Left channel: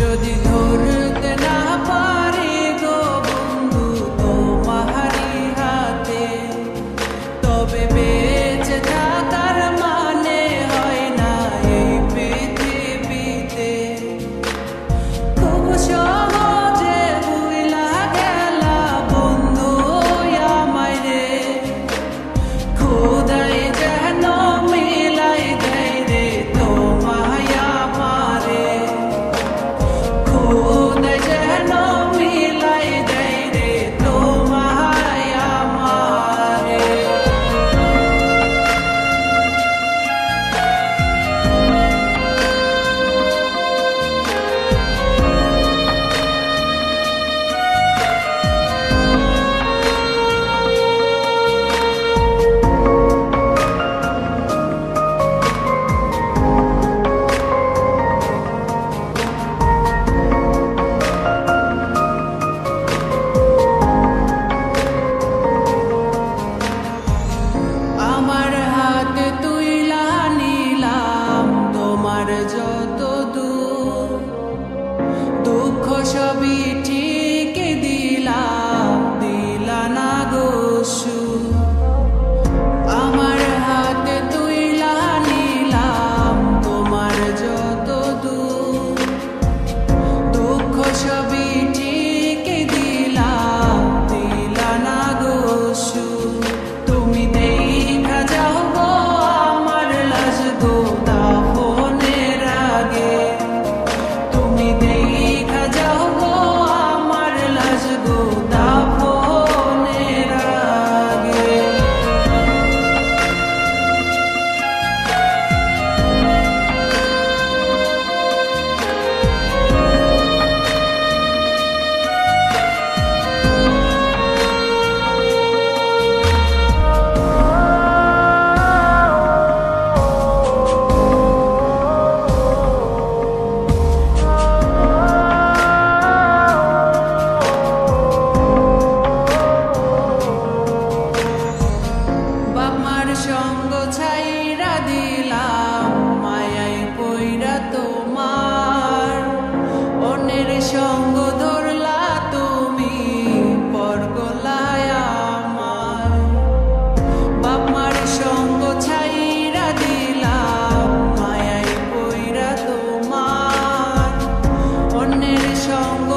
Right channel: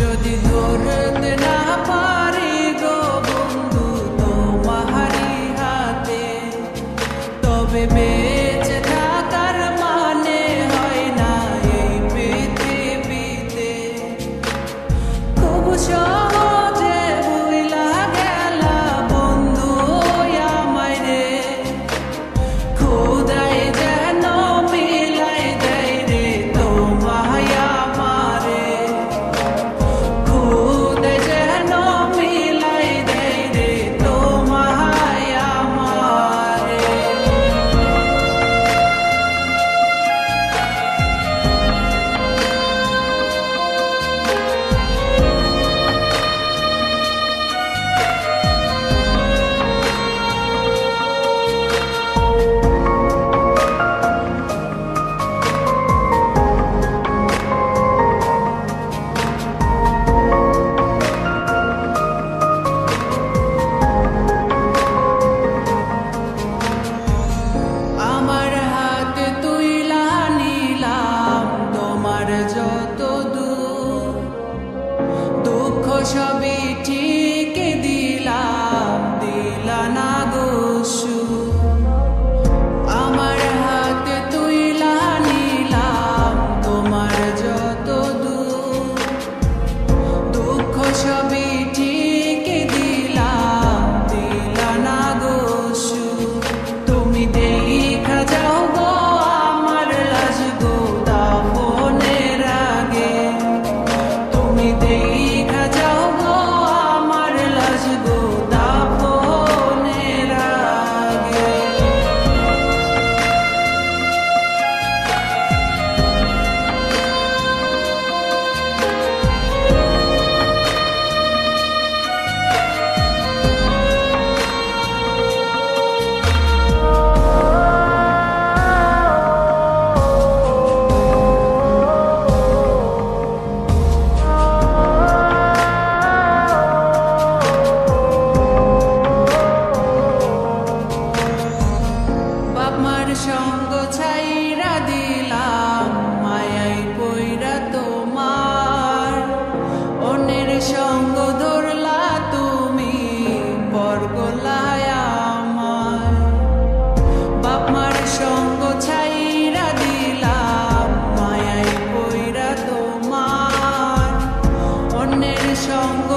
যদি ধরতে না পারি গো বন্ধু তোমারি হাতে, তবে বেঁচে থাকার মানে হয় না এই পৃথিবীতে। খুব সহজে ভুইলা গেলা বন্ধু আমায় রে, খোদাই যেন মিলাই দেয় রে তোমায় আমারে, খোদাই যেন মিলাই দেয় রে তোমায় আমারে। আমার হাতে তুইলা নিলাম তোমার যত দূর, দুঃখ সবই ঠিক দিলাম, দিলা না গো সুর। আমার হাতে তুইলা নিলাম তোমার যত দূর, দুঃখ সবই ঠিক দিলাম, দিলা না গো সুর। তুমি দেখা যাও গো আমার লাজ গো দাফনের আগে, তুমি দেখা যাও গো আমার লাজ গো দাফনের আগে। বাপমার সঙ্গ ছাইরা দিলাম মায়াই পইরা তোমার, অন্যের সঙ্গ ধরলা তুমি পর গলায় আমার। বাপমার সঙ্গ ছাইরা দিলাম মায়াই পইরা তোমার, অন্যের সঙ্গ